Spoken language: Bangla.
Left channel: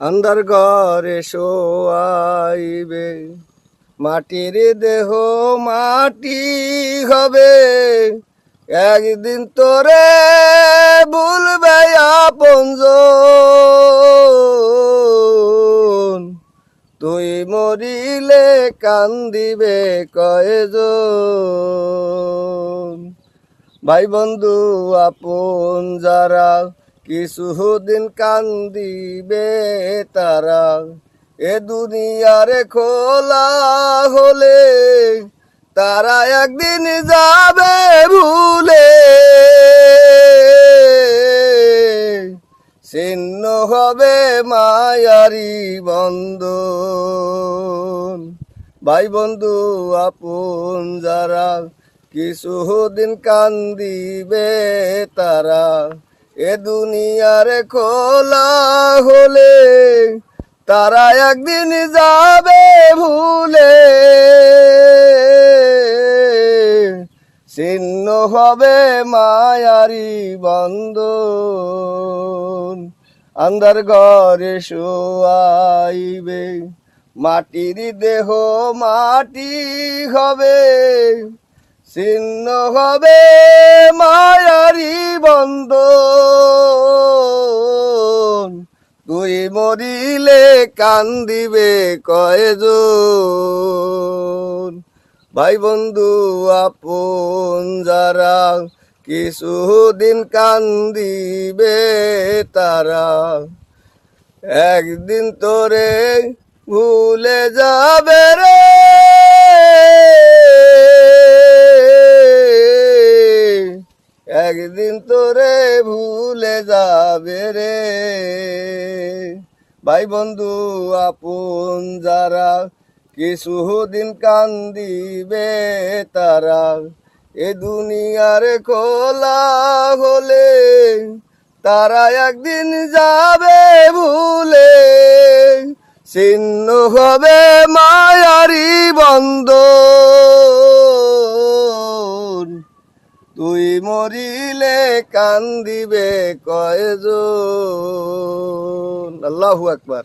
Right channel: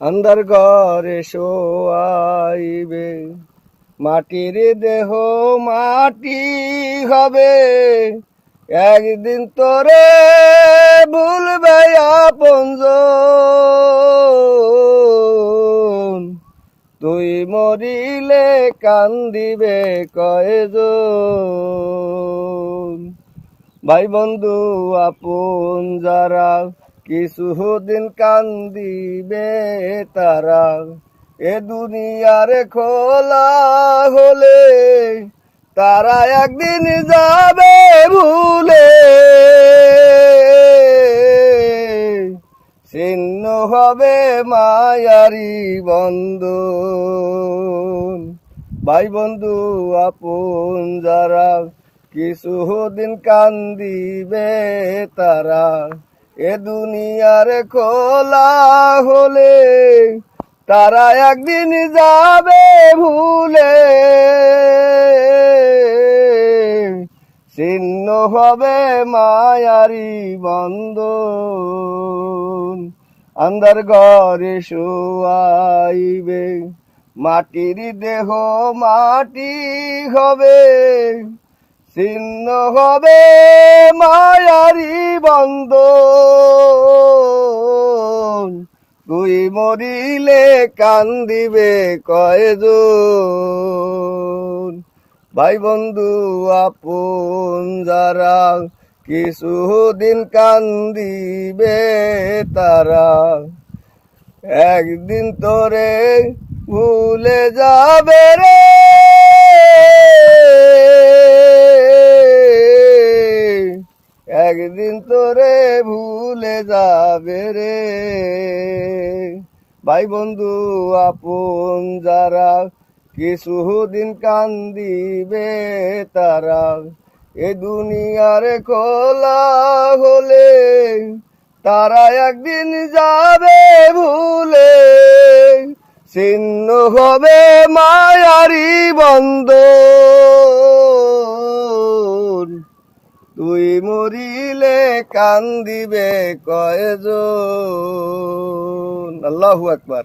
আন্ধার ঘরে শোয়াইবে, মাটির দেহ মাটি হবে, একদিন তোরে ভুলবে আপনজন, তুই মরিলে কান্দিবে কয়জন। ভাই বন্ধু আপন যারা কিছুদিন কান্দিবে তারা, এ দুনিয়ার খোলা হলে তারা একদিন যাবে ভুলে, ছিন্ন হবে মায়ারি বন্ধন। ভাই বন্ধু আপন যারা কিছুদিন কান্দিবে তারা, এ দুনিয়ার খোলা হলে তারা একদিন যাবে ভুলে, ছিন্ন হবে মায়ারি বন্ধন। আন্ধার ঘরে শোয়াইবে, মাটির দেহ মাটি হবে, ছিন্ন হবে মায়ারি বন্ধন, তুই মরিলে কান্দিবে কয়জন। ভাই বন্ধু আপন যারা কিছুদিন কান্দিবে তারা, একদিন তোরে ভুলে যাবে রে, একদিন তোরে ভুলে যাবে রে। ভাই বন্ধু আপন যারা কিছুদিন কান্দিবে তারা, এ দুনিয়ার খোলা হলে তারা একদিন যাবে ভুলে, ছিন্ন হবে মায়ারি বন্ধন, তুই মরিলে কান্দিবে কয়জন। আল্লাহু আকবার।